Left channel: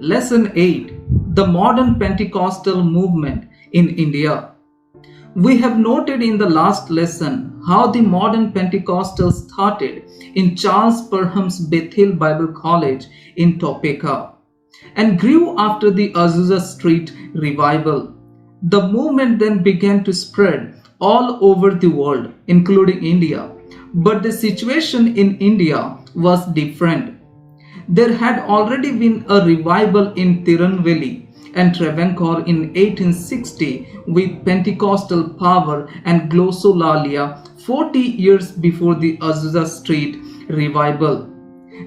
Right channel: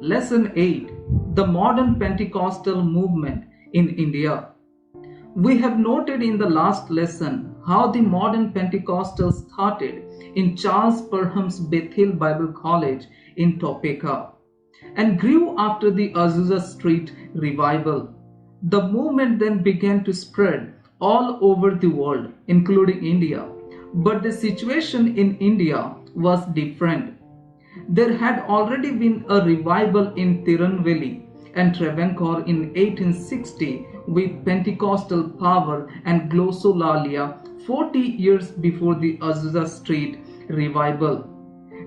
Lesson 8: The Modern Pentecostal Movement in India. We have noted in the last lesson how the modern Pentecostals started in Charles Parham's Bethel Bible College in Topeka and grew after the Azusa Street revival. The movement then began to spread all over the world, including India. But the situation in India was different. There had already been a revival in Tirunelveli and Travancore in 1860 with Pentecostal power and glossolalia 40 years before the Azusa Street revival.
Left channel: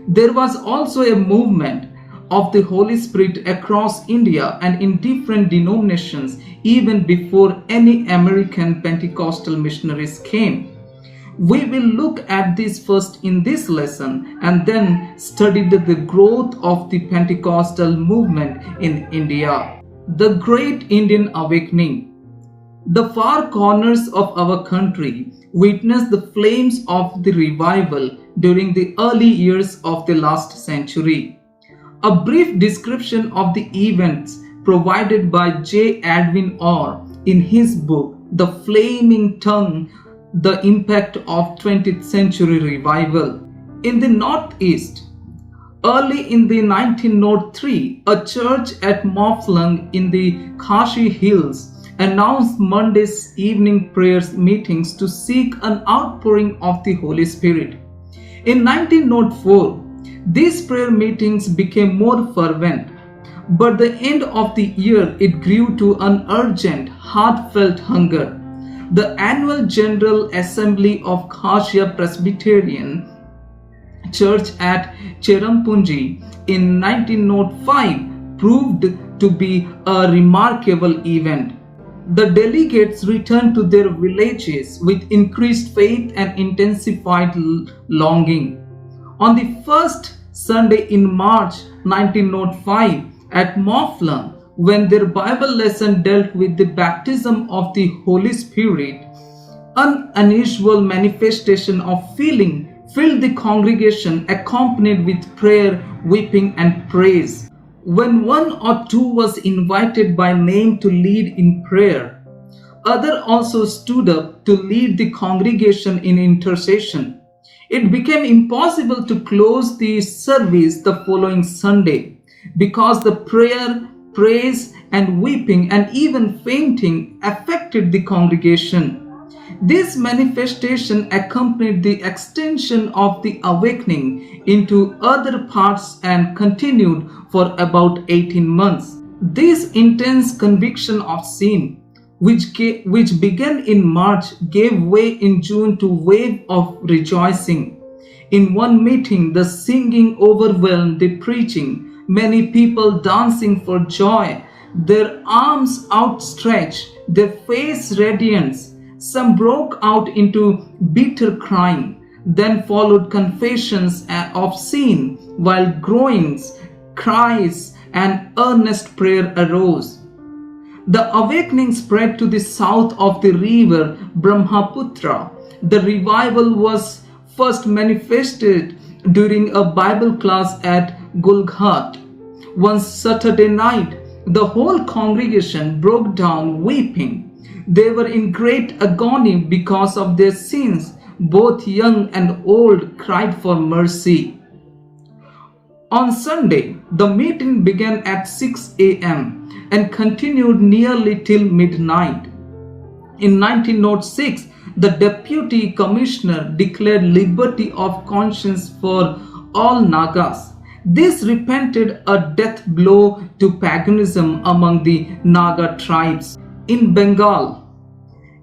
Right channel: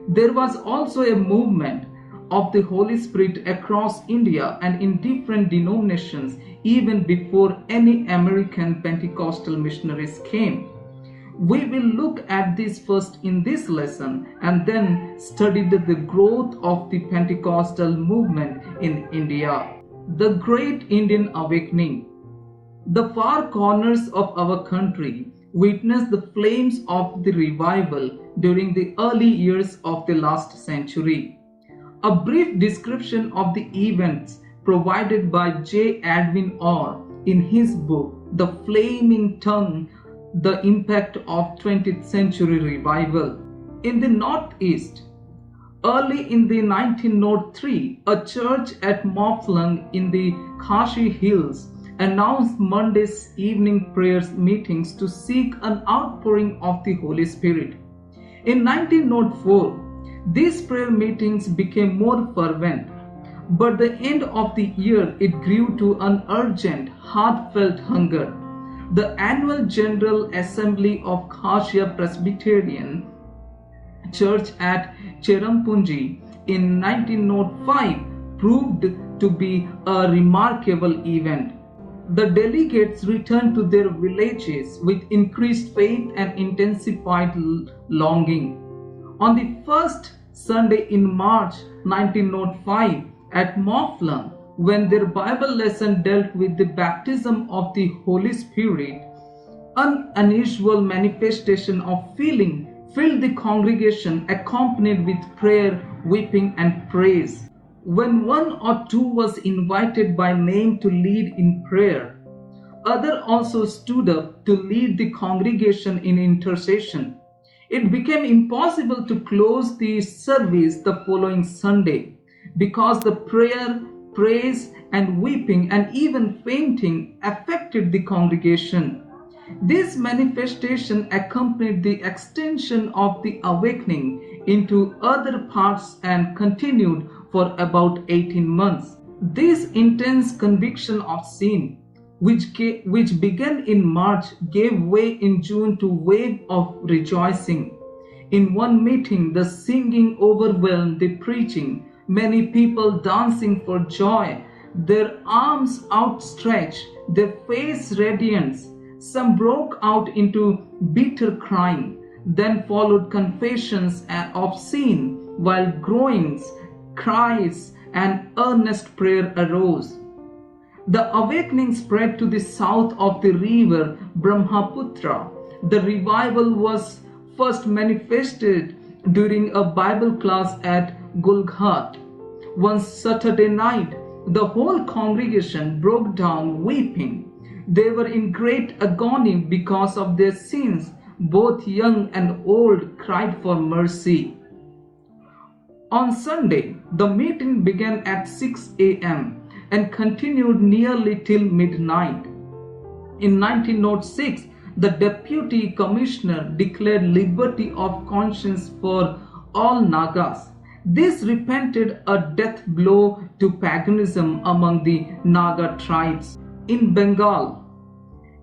There was also a movement of the Holy Spirit across India and in different denominations even before any American Pentecostal missionaries came. We will look at this first in this lesson and then study the growth of the Pentecostal movement in India. The Great Indian Awakening. The far corners of our country witnessed the flames of the revival during the early years of the last century. A brief description of the events provided by J. Edwin Orr in his book, The Flaming Tongue, The Impact of 20th Century Revival. In the Northeast, early in the 1903, a church at Mawphlang in the Khashi Hills announced Monday's evening prayers meetings to seek an outpouring of the Holy Spirit. In 1904, these prayer meetings became more fervent, but the end of the year it grew to an urgent, heartfelt hunger. The annual General Assembly of Khashia Presbyterian Church at Cherrapunji in 1905 proved to be a remarkable event. The delegates returned to their villages with increased faith and intensified longing. On the first Sunday in March 1905 at Mawphlang, when their Bible lesson dealt with the baptism of the Holy Spirit, an unusual manifestation of feeling filled the congregation, accompanied with prayer, weeping, and praise. When one or two was invited by name to lead in prayer, others also stood up to lead the congregation in intercession. It became impossible to close the service the following Sunday because the prayer, praise, and weeping and even fainting affected the congregation. This manifestation accompanied the extension of the awakening into other parts and continued for about 18 months. This intense conviction of sin, which began in March, gave way in June to a wave of rejoicing. In one meeting, the singing overwhelmed the preaching, many people dancing for joy, their arms outstretched, their face radiant. Some broke out into bitter crying. Then followed confessions of sin, while groans, cries, and earnest prayer arose. The awakening spread to the south of the river Brahmaputra. The revival was first manifested during a Bible class at Gulghat. One Saturday night, the whole congregation broke down weeping. They were in great agony because of their sins. Both young and old cried for mercy. On Sunday, the meeting began at 6 a.m. and continued nearly till midnight. In 1906, the Deputy Commissioner declared liberty of conscience for all Nagas. This represented a death blow to paganism among the Naga tribes. In Bengal,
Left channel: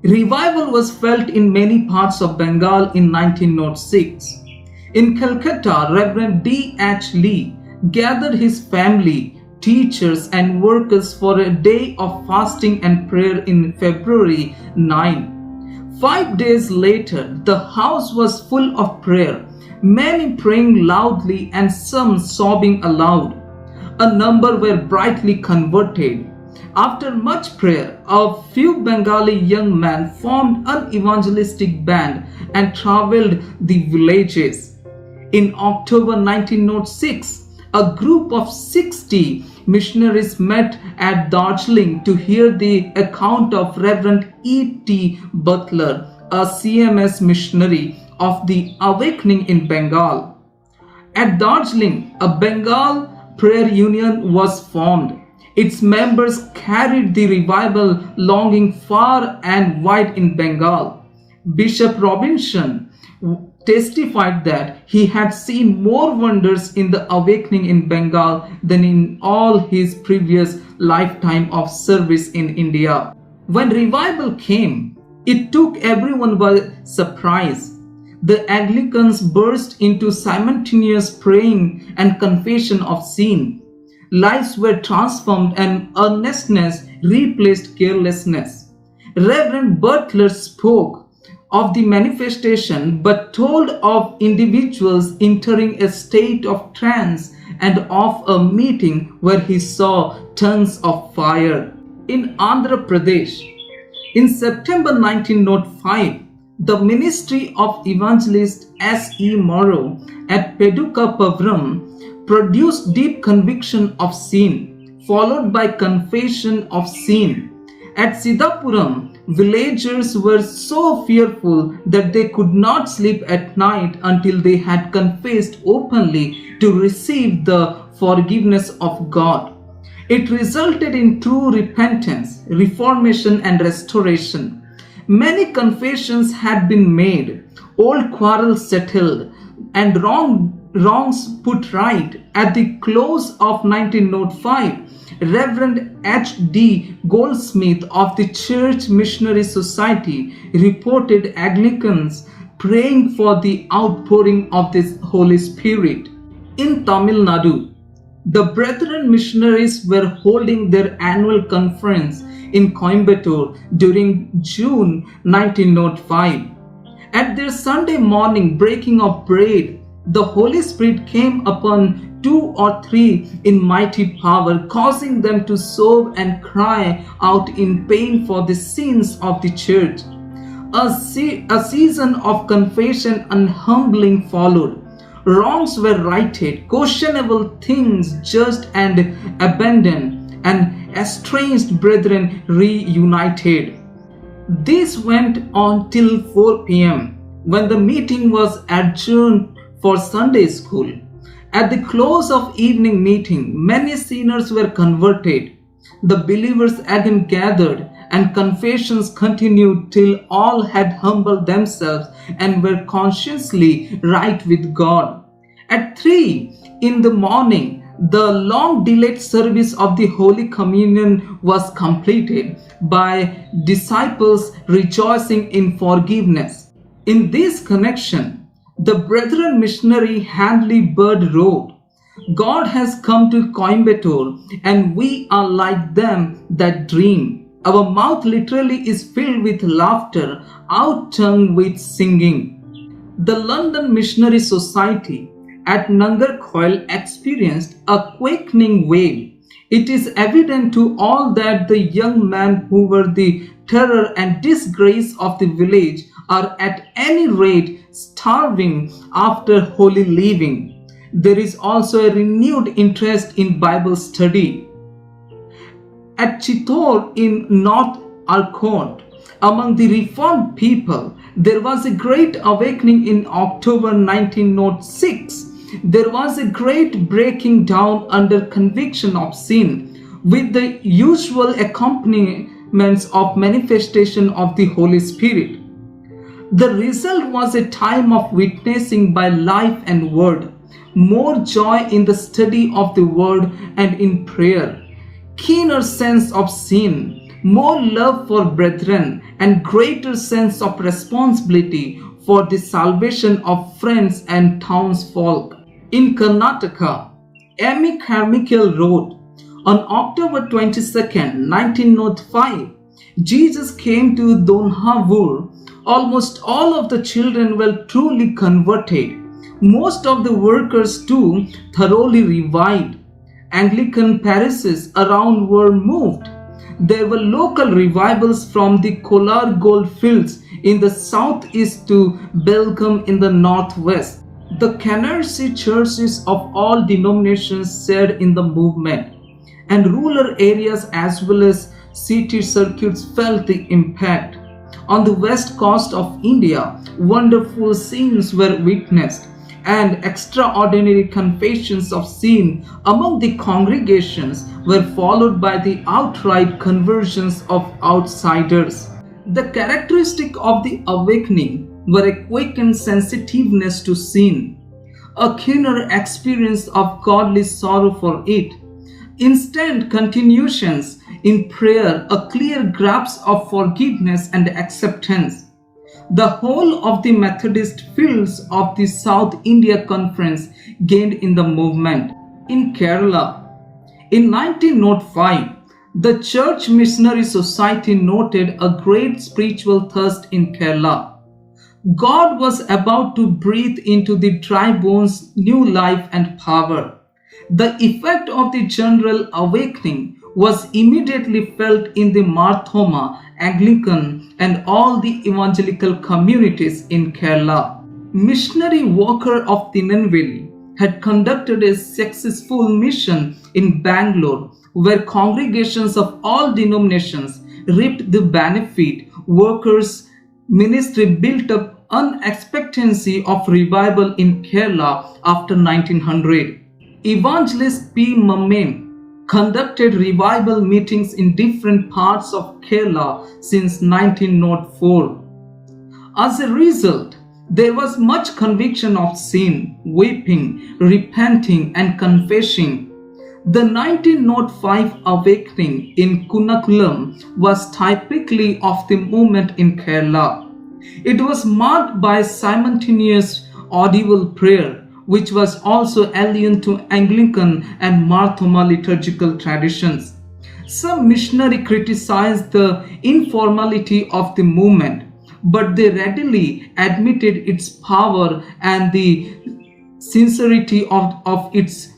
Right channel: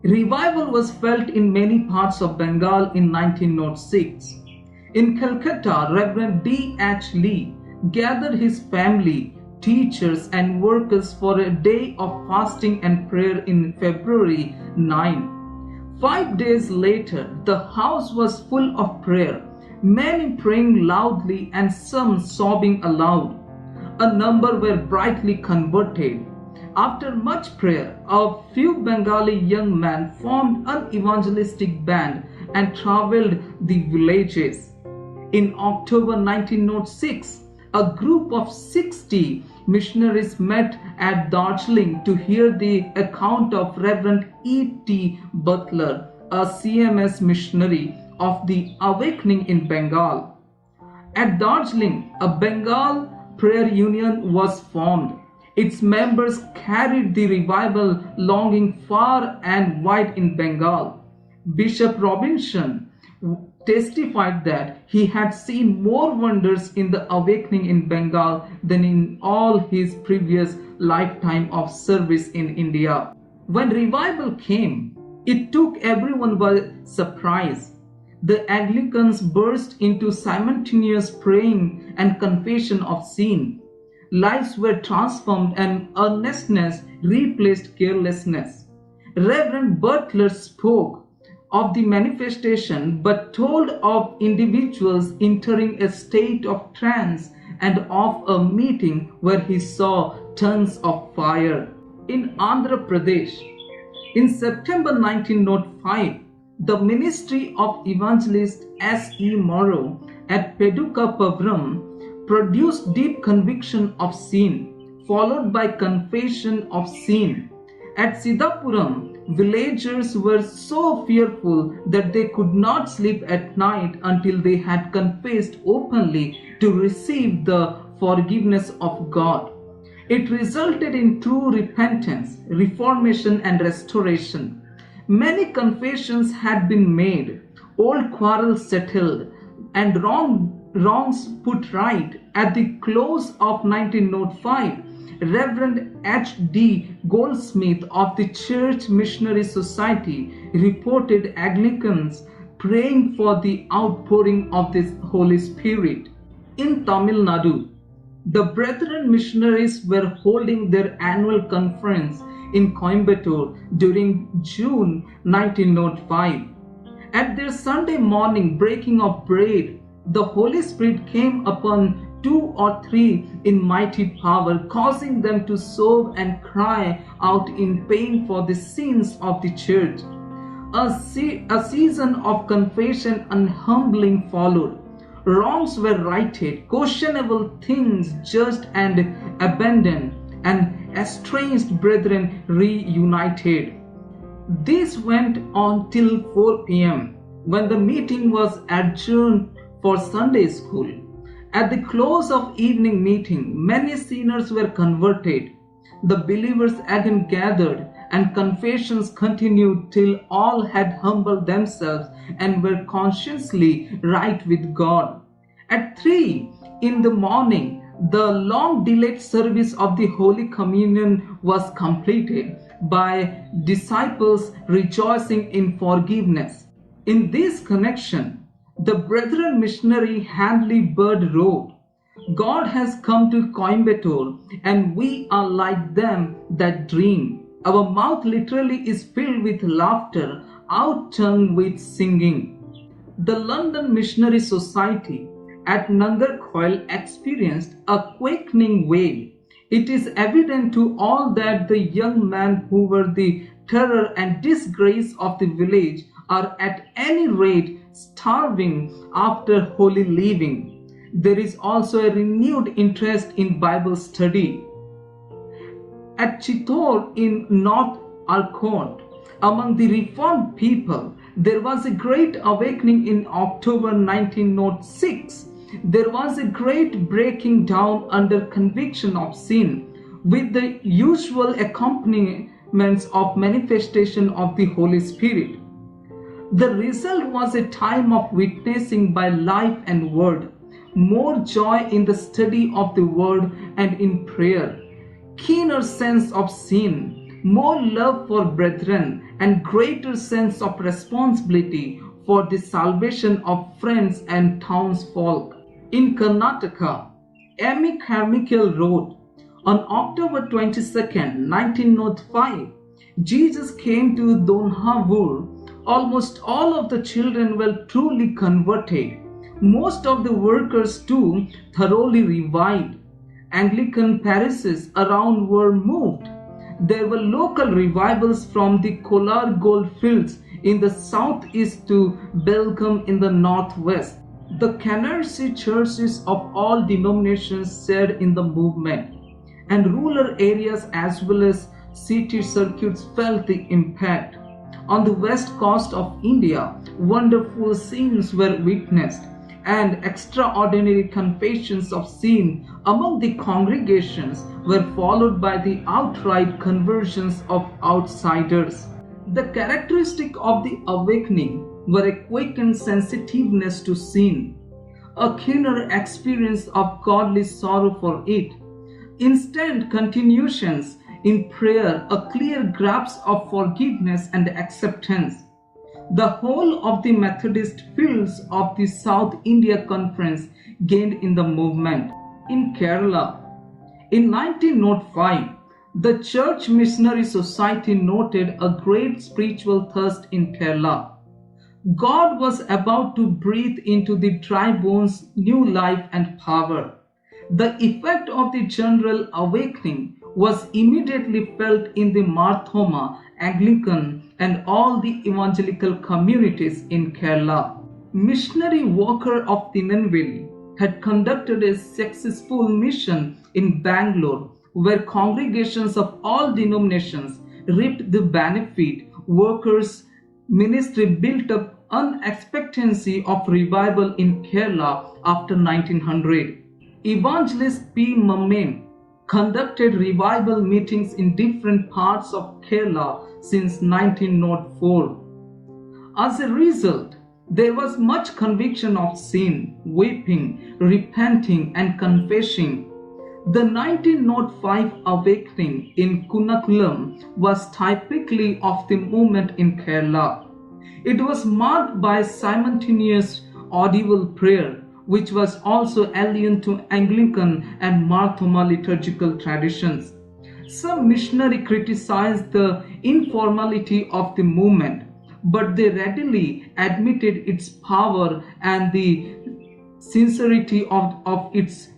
revival was felt in many parts of Bengal in 1906. In Calcutta, Reverend D. H. Lee gathered his family, teachers, and workers for a day of fasting and prayer in February 9. 5 days later, the house was full of prayer, many praying loudly and some sobbing aloud. A number were brightly converted. After much prayer, a few Bengali young men formed an evangelistic band and traveled the villages. In October 1906, a group of 60 missionaries met at Darjeeling to hear the account of Reverend E.T. Butler, a CMS missionary of the awakening in Bengal. At Darjeeling, a Bengal prayer union was formed. Its members carried the revival longing far and wide in Bengal. Bishop Robinson testified that he had seen more wonders in the awakening in Bengal than in all his previous lifetime of service in India. When revival came, it took everyone by surprise. The Anglicans burst into simultaneous praying and confession of sin. Lives were transformed and earnestness replaced carelessness. Reverend Butler spoke of the manifestation but told of individuals entering a state of trance and of a meeting where he saw tongues of fire. In Andhra Pradesh, in September 1905, the ministry of evangelist S.E. Morrow at Pedukapavram produced deep conviction of sin, followed by confession of sin. At Siddhapuram, villagers were so fearful that they could not sleep at night until they had confessed openly to receive the forgiveness of God. It resulted in true repentance, reformation, and restoration. Many confessions had been made, old quarrels settled, and wrongs put right. At the close of 1905, Reverend H.D. Goldsmith of the Church Missionary Society reported Anglicans praying for the outpouring of this Holy Spirit. In Tamil Nadu, the Brethren missionaries were holding their annual conference in Coimbatore during June 1905. At their Sunday morning breaking of bread, the Holy Spirit came upon 2 or 3 in mighty power, causing them to sob and cry out in pain for the sins of the church. A season of confession and humbling followed. Wrongs were righted, questionable things judged and abandoned, and estranged brethren reunited. This went on till 4 p.m. when the meeting was adjourned for Sunday school. At the close of evening meeting, many sinners were converted. The believers again gathered, and confessions continued till all had humbled themselves and were consciously right with God. At 3 in the morning, the long delayed service of the Holy Communion was completed by disciples rejoicing in forgiveness. In this connection, the Brethren missionary Handley Bird wrote, "God has come to Coimbatore and we are like them that dream. Our mouth literally is filled with laughter, our tongue with singing." The London Missionary Society at Nangarkhoil experienced a quakening wave. It is evident to all that the young men who were the terror and disgrace of the village are at any rate starving after holy living. There is also a renewed interest in Bible study. At Chittor in North Arcot, among the reformed people, there was a great awakening in October 1906. There was a great breaking down under conviction of sin, with the usual accompaniments of manifestation of the Holy Spirit. The result was a time of witnessing by life and word, more joy in the study of the word and in prayer, keener sense of sin, more love for brethren, and greater sense of responsibility for the salvation of friends and townsfolk. In Karnataka, Amy Carmichael wrote, on October 22nd, 1905, Jesus came to Donhavur. Almost all of the children were truly converted. Most of the workers too thoroughly revived. Anglican parishes around were moved. There were local revivals from the Kolar gold fields in the southeast to Belgaum in the northwest. The canarsie churches of all denominations shared in the movement, and rural areas as well as city circuits felt the impact. On the west coast of India, wonderful scenes were witnessed, and extraordinary confessions of sin among the congregations were followed by the outright conversions of outsiders. The characteristic of the awakening were a quickened sensitiveness to sin, a keener experience of godly sorrow for it, instant continuations in prayer, a clear grasp of forgiveness and acceptance. The whole of the Methodist fields of the South India Conference gained in the movement. In Kerala, in 1905, the Church Missionary Society noted a great spiritual thirst in Kerala. God was about to breathe into the dry bones new life and power. The effect of the general awakening was immediately felt in the Marthoma, Anglican, and all the evangelical communities in Kerala. Missionary Walker of Tinanveli had conducted a successful mission in Bangalore, where congregations of all denominations reaped the benefit. Walker's ministry built up an expectancy of revival in Kerala after 1900. Evangelist P. Mammen conducted revival meetings in different parts of Kerala since 1904. As a result, there was much conviction of sin, weeping, repenting, and confessing. The 1905 awakening in Kunakulam was typically of the movement in Kerala. It was marked by simultaneous audible prayer, which was also alien to Anglican and Marthoma liturgical traditions. Some missionaries criticized the informality of the movement, but they readily admitted its power and the sincerity of its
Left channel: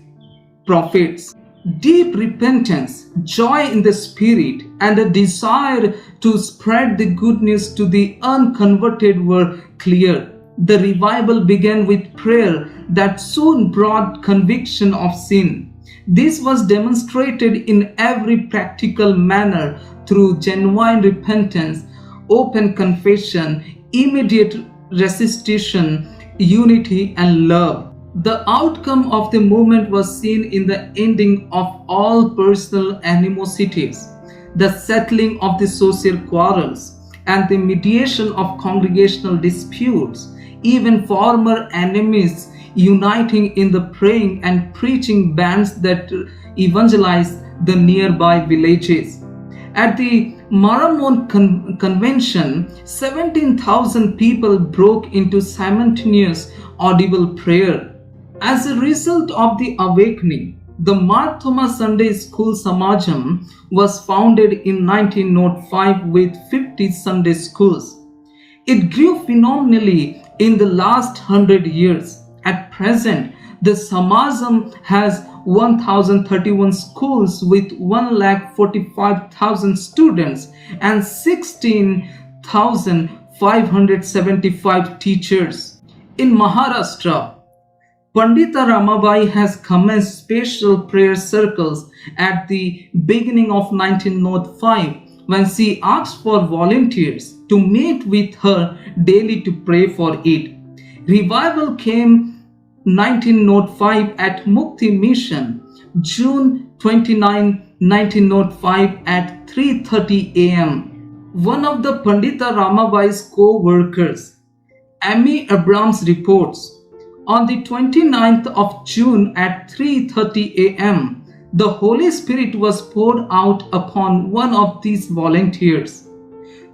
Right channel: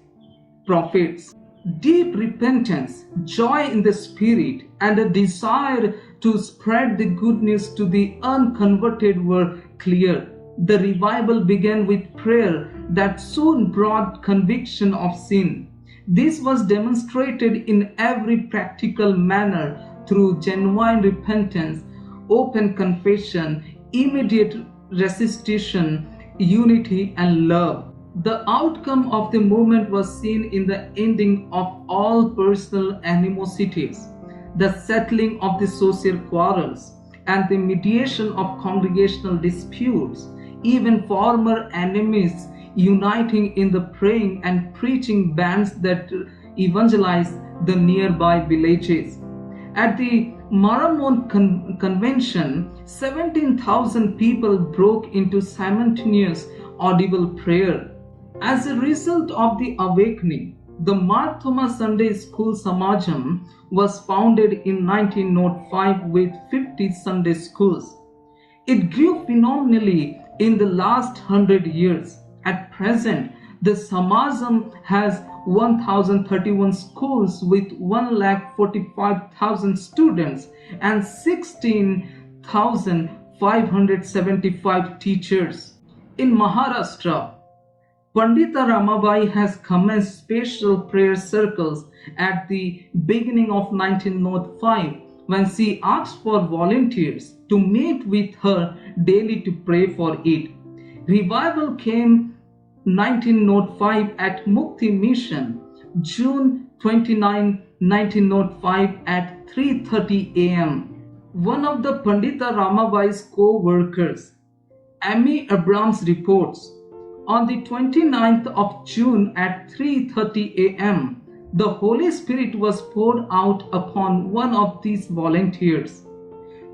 prophets. Deep repentance, joy in the spirit, and a desire to spread the good news to the unconverted were clear. The revival began with prayer that soon brought conviction of sin. This was demonstrated in every practical manner through genuine repentance, open confession, immediate restitution, unity, and love. The outcome of the movement was seen in the ending of all personal animosities, the settling of the social quarrels, and the mediation of congregational disputes. Even former enemies uniting in the praying and preaching bands that evangelized the nearby villages. At the Maramon Convention, 17,000 people broke into simultaneous audible prayer. As a result of the awakening, the Marthoma Sunday School Samajam was founded in 1905 with 50 Sunday schools. It grew phenomenally in the last 100 years. At present, the Samajam has 1,031 schools with 1,45,000 students and 16,575 teachers. In Maharashtra, Pandita Ramabai has commenced special prayer circles at the beginning of 1905 when she asked for volunteers to meet with her daily to pray for it. Revival came 1905 at Mukti Mission, June 29, 1905 at 3:30 a.m. One of the Pandita Ramabai's co-workers, Amy Abrams, reports, on the 29th of June at 3:30 a.m., the Holy Spirit was poured out upon one of these volunteers.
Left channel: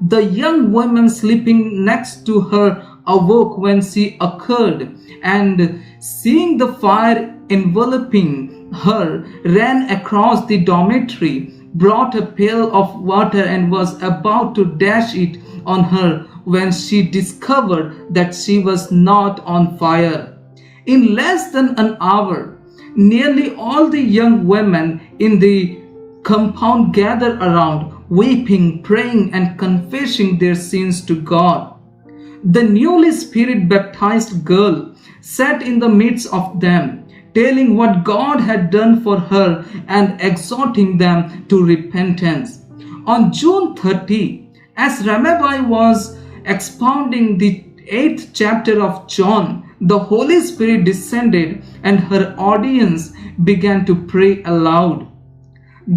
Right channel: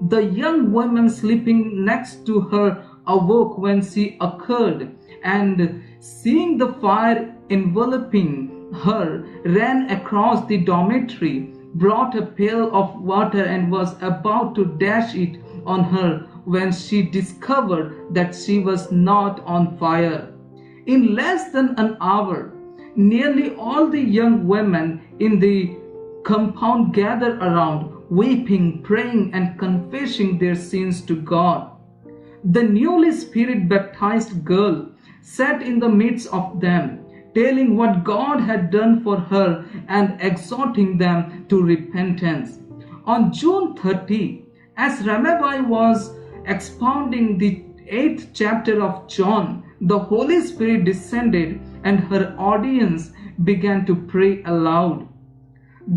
The young woman sleeping next to her awoke when she occurred, and seeing the fire enveloping her, ran across the dormitory, brought a pail of water and was about to dash it on her when she discovered that she was not on fire. In less than an hour, nearly all the young women in the compound gathered around, weeping, praying, and confessing their sins to God. The newly spirit baptized girl sat in the midst of them, telling what God had done for her and exhorting them to repentance. On June 30, as Ramabai was expounding the 8th chapter of John, the Holy Spirit descended and her audience began to pray aloud.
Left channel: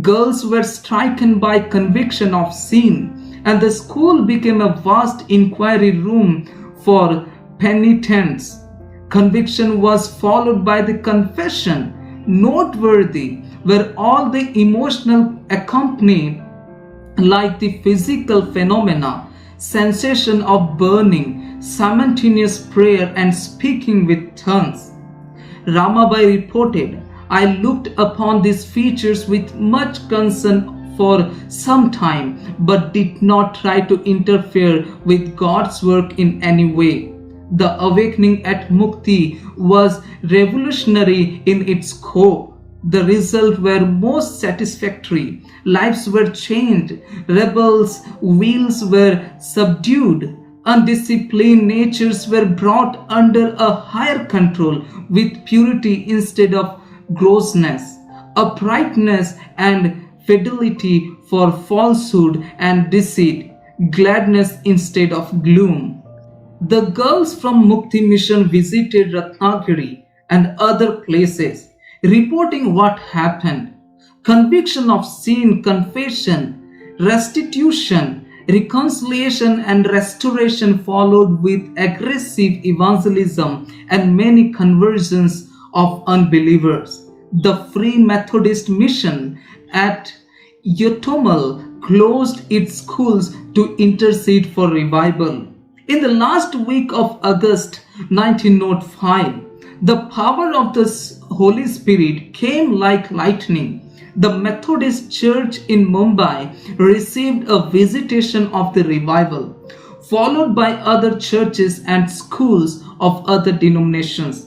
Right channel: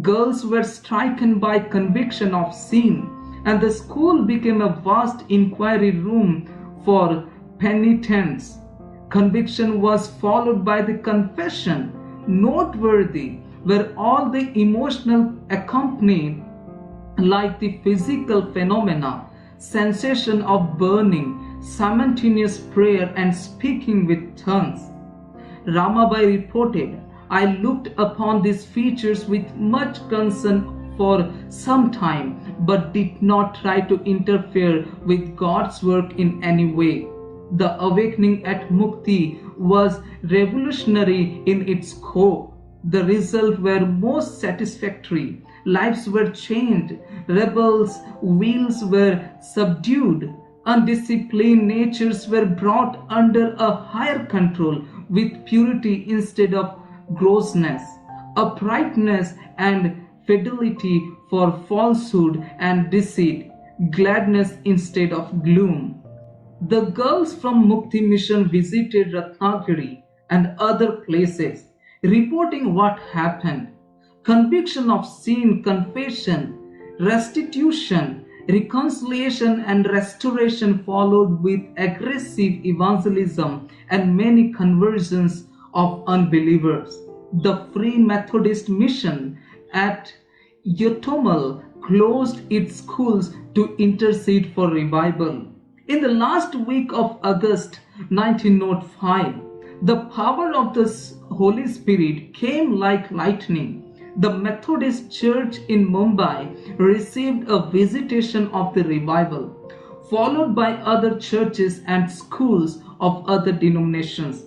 Girls were stricken by conviction of sin, and the school became a vast inquiry room for penitents. Conviction was followed by the confession, noteworthy, where all the emotional accompanied, like the physical phenomena, sensation of burning, simultaneous prayer, and speaking with tongues. Ramabai reported, I looked upon these features with much concern for some time, but did not try to interfere with God's work in any way. The awakening at Mukti was revolutionary in its scope. The results were most satisfactory. Lives were changed, rebels' wheels were subdued, undisciplined natures were brought under a higher control with purity instead of grossness, uprightness and fidelity for falsehood and deceit, gladness instead of gloom. The girls from Mukti Mission visited Ratnagiri and other places, reporting what happened. Conviction of sin, confession, restitution, reconciliation and restoration followed with aggressive evangelism and many conversions of unbelievers. The Free Methodist Mission at Yotomal closed its schools to intercede for revival. In the last week of August 1905, the power of the Holy Spirit came like lightning. The Methodist Church in Mumbai received a visitation of the revival, followed by other churches and schools of other denominations.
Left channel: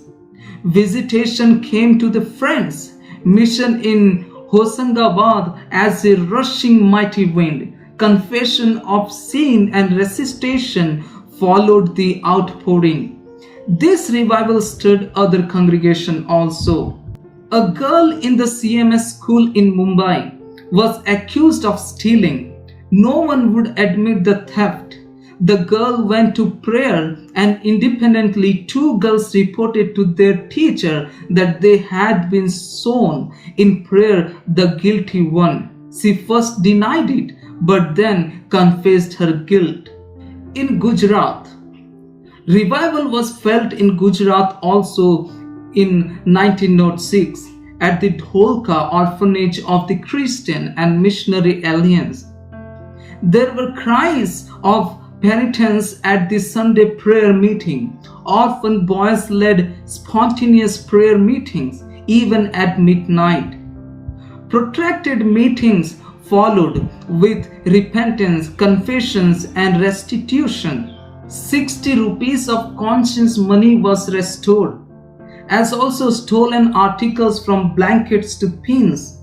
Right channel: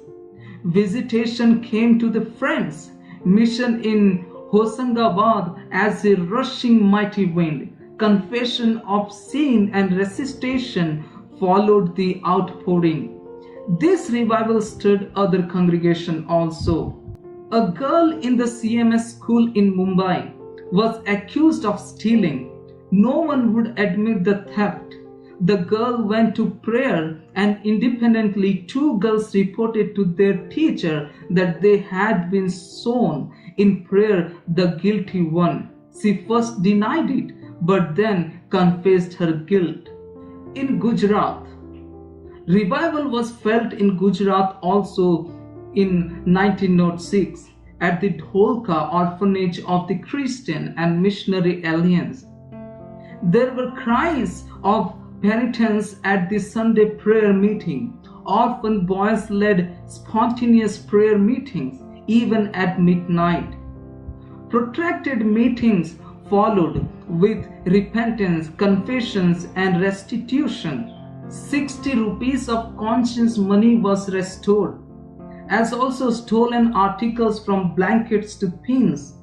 Visitation came to the Friends Mission in Hosangabad as a rushing mighty wind. Confession of sin and resuscitation followed the outpouring. This revival stirred other congregations also. A girl in the CMS school in Mumbai was accused of stealing. No one would admit the theft. The girl went to prayer and independently 2 girls reported to their teacher that they had been sown in prayer the guilty one. She first denied it but then confessed her guilt. In Gujarat, revival was felt in Gujarat also in 1906 at the Dholka Orphanage of the Christian and Missionary Alliance. There were cries of penitence at the Sunday prayer meeting. Orphan boys led spontaneous prayer meetings even at midnight. Protracted meetings followed with repentance, confessions and restitution. 60 rupees of conscience money was restored, as also stolen articles from blankets to pins.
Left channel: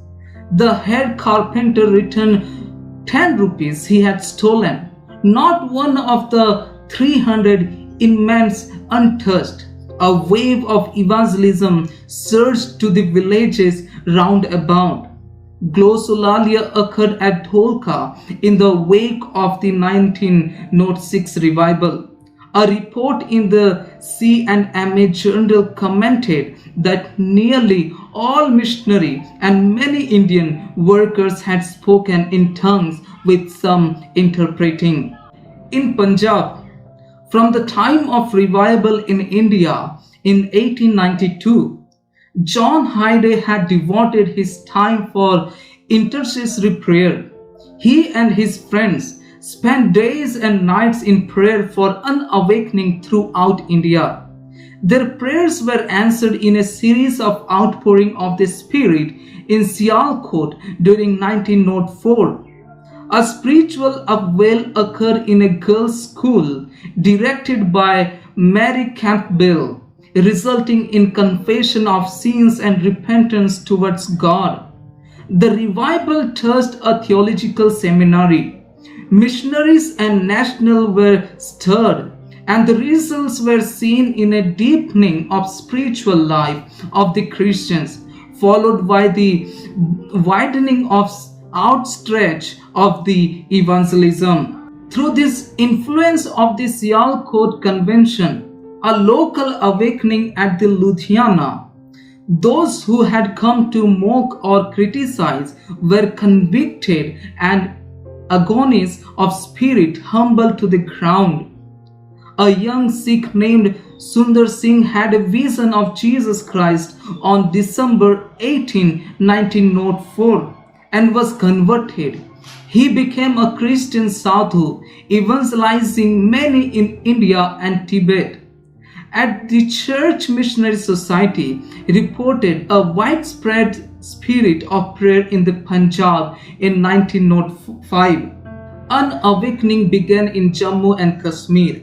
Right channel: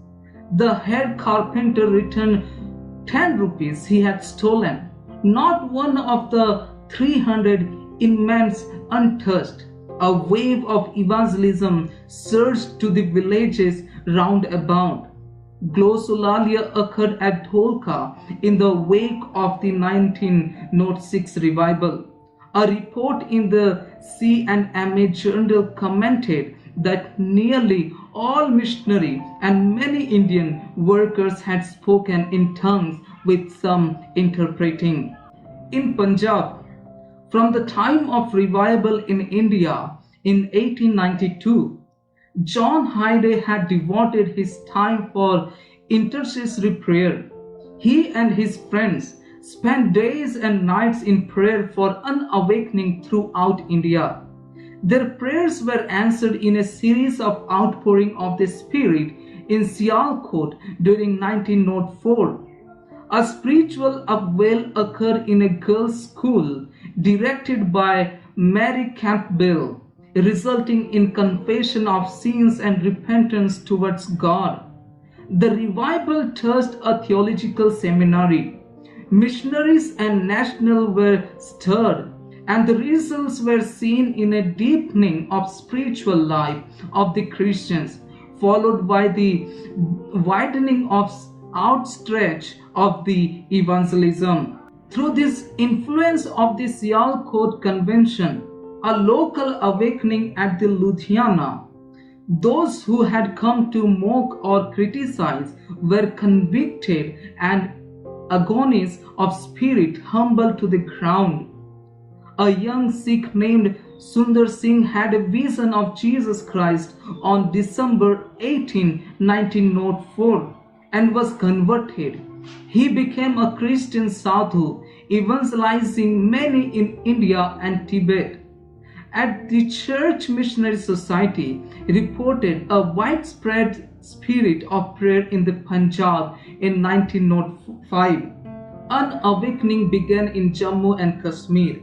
The head carpenter returned 10 rupees he had stolen. Not one of the 300 inmates untouched. A wave of evangelism surged to the villages round about. Glossolalia occurred at Dholka in the wake of the 1906 revival. A report in the C&MA Journal commented that nearly all missionary and many Indian workers had spoken in tongues with some interpreting. In Punjab, from the time of revival in India in 1892, John Hyde had devoted his time for intercessory prayer. He and his friends spent days and nights in prayer for unawakening throughout India. Their prayers were answered in a series of outpouring of the Spirit in Sialkot during 1904. A spiritual upwell occurred in a girls' school directed by Mary Campbell, resulting in confession of sins and repentance towards God. The revival touched a theological seminary. Missionaries and national were stirred, and the results were seen in a deepening of spiritual life of the Christians, followed by the widening of outstretch of the evangelism. Through this influence of the Sialkot Convention, a local awakening at the Ludhiana, those who had come to mock or criticize were convicted and agonies of spirit humbled to the ground. A young Sikh named Sundar Singh had a vision of Jesus Christ on December 18, 1904 and was converted. He became a Christian sadhu, evangelizing many in India and Tibet. At the Church Missionary Society reported a widespread spirit of prayer in the Punjab in 1905. An awakening began in Jammu and Kashmir.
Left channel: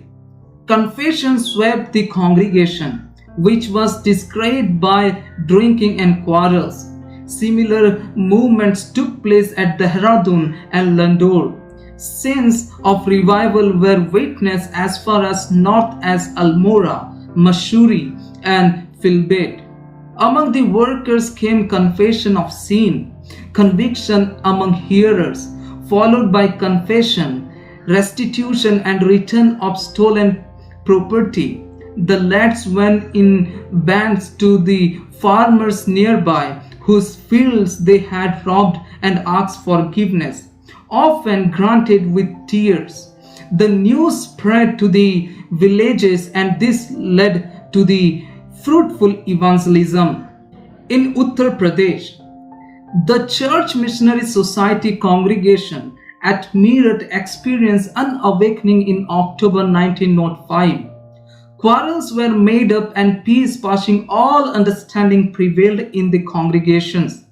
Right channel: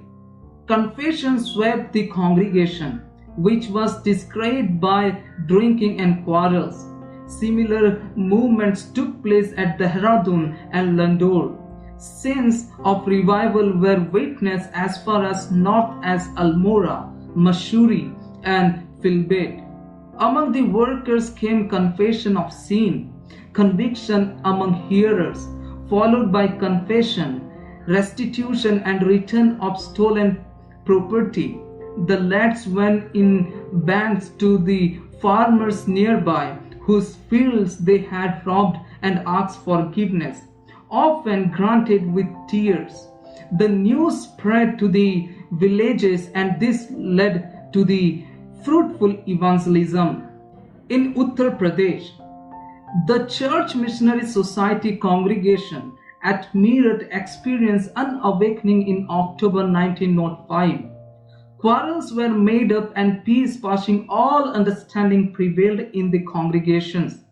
Confession swept the congregation, which was disgraced by drinking and quarrels. Similar movements took place at Dehradun and Landoor. Scenes of revival were witnessed as far as north as Almora, Mussoorie, and Filbert. Among the workers came confession of sin, conviction among hearers, followed by confession, restitution, and return of stolen property. The lads went in bands to the farmers nearby whose fields they had robbed and asked forgiveness, often granted with tears. The news spread to the villages, and this led to the fruitful evangelism. In Uttar Pradesh, the Church Missionary Society congregation at Meerut experienced an awakening in October 1905. Quarrels were made up and peace passing all understanding prevailed in the congregations.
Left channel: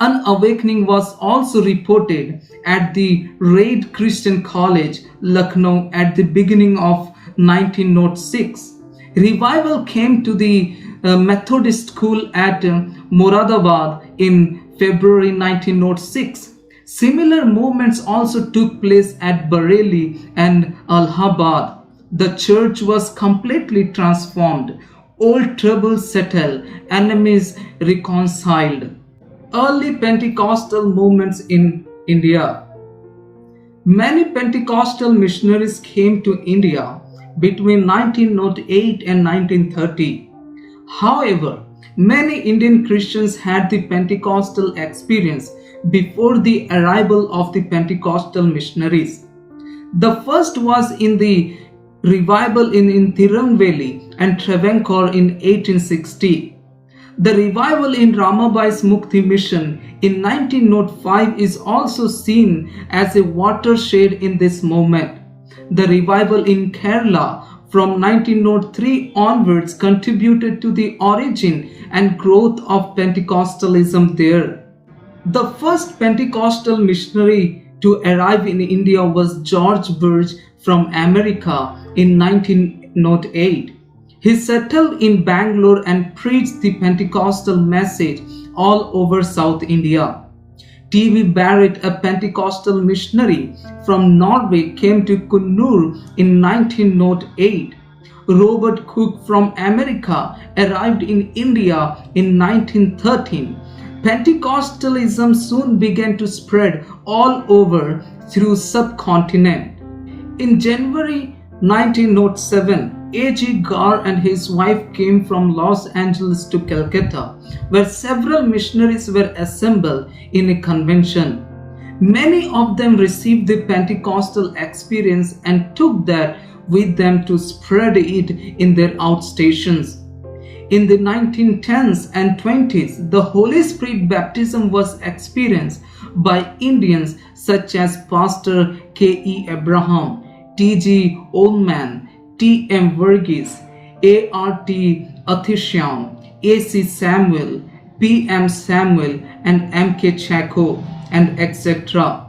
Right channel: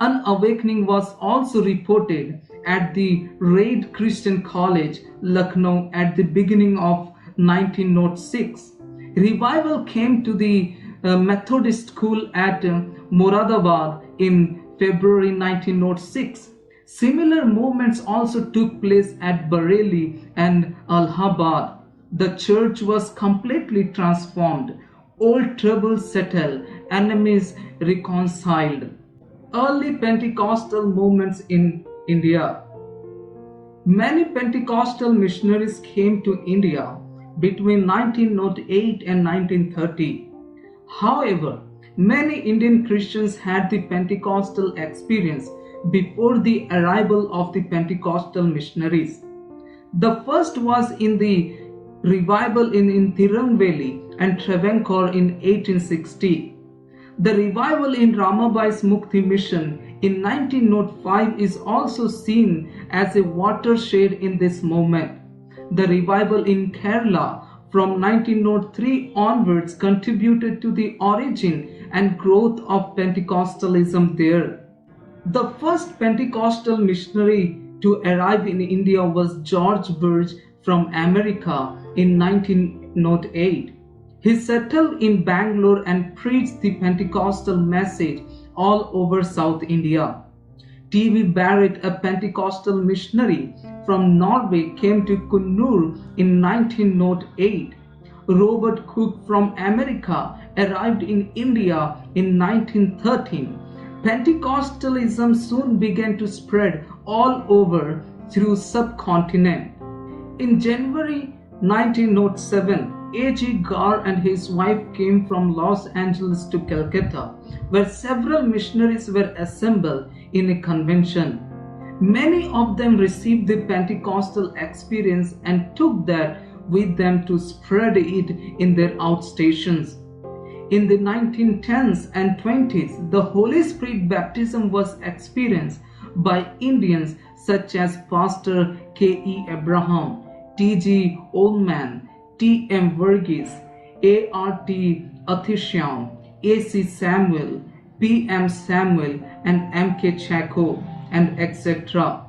An awakening was also reported at the Raid Christian College, Lucknow at the beginning of 1906. Revival came to the Methodist school at Moradabad in February 1906. Similar movements also took place at Bareilly and Allahabad. The church was completely transformed. Old troubles settled, enemies reconciled. Early Pentecostal movements in India. Many Pentecostal missionaries came to India between 1908 and 1930. However, many Indian Christians had the Pentecostal experience before the arrival of the Pentecostal missionaries. The first was in the revival in Tirunelveli and Travancore in 1860. The revival in Ramabai's Mukti mission in 1905 is also seen as a watershed in this movement. The revival in Kerala from 1903 onwards contributed to the origin and growth of Pentecostalism there. The first Pentecostal missionary to arrive in India was George Burge from America in 1908. He settled in Bangalore and preached the Pentecostal message all over South India. T.V. Barrett, a Pentecostal missionary from Norway, came to Kunnur in 1908. Robert Cook from America arrived in India in 1913. Pentecostalism soon began to spread all over through subcontinent. In January 1907, A.G. Gar and his wife came from Los Angeles to Calcutta, where several missionaries were assembled in a convention. Many of them received the Pentecostal experience and took that with them to spread it in their outstations. In the 1910s and 20s, the Holy Spirit baptism was experienced by Indians such as Pastor K.E. Abraham, T.G. Oldman, T.M. Verghese, A.R.T. Athishyam, A.C. Samuel, P.M. Samuel, and M.K. Chacko, and etc.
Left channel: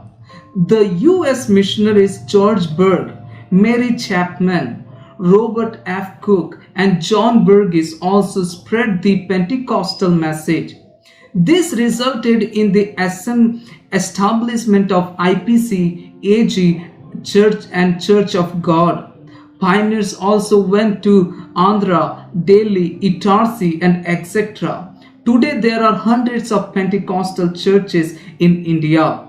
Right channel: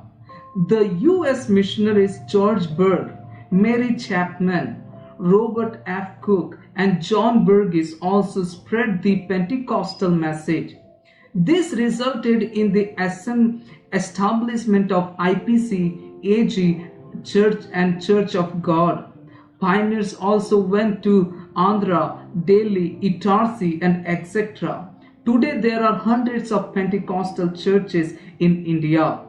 The U.S. missionaries George Berg, Mary Chapman, Robert F. Cook, and John Verghese also spread the Pentecostal message. This resulted in the establishment of IPC, AG, Church and Church of God. Pioneers also went to Andhra, Delhi, Itarsi, and etc. Today there are hundreds of Pentecostal churches in India.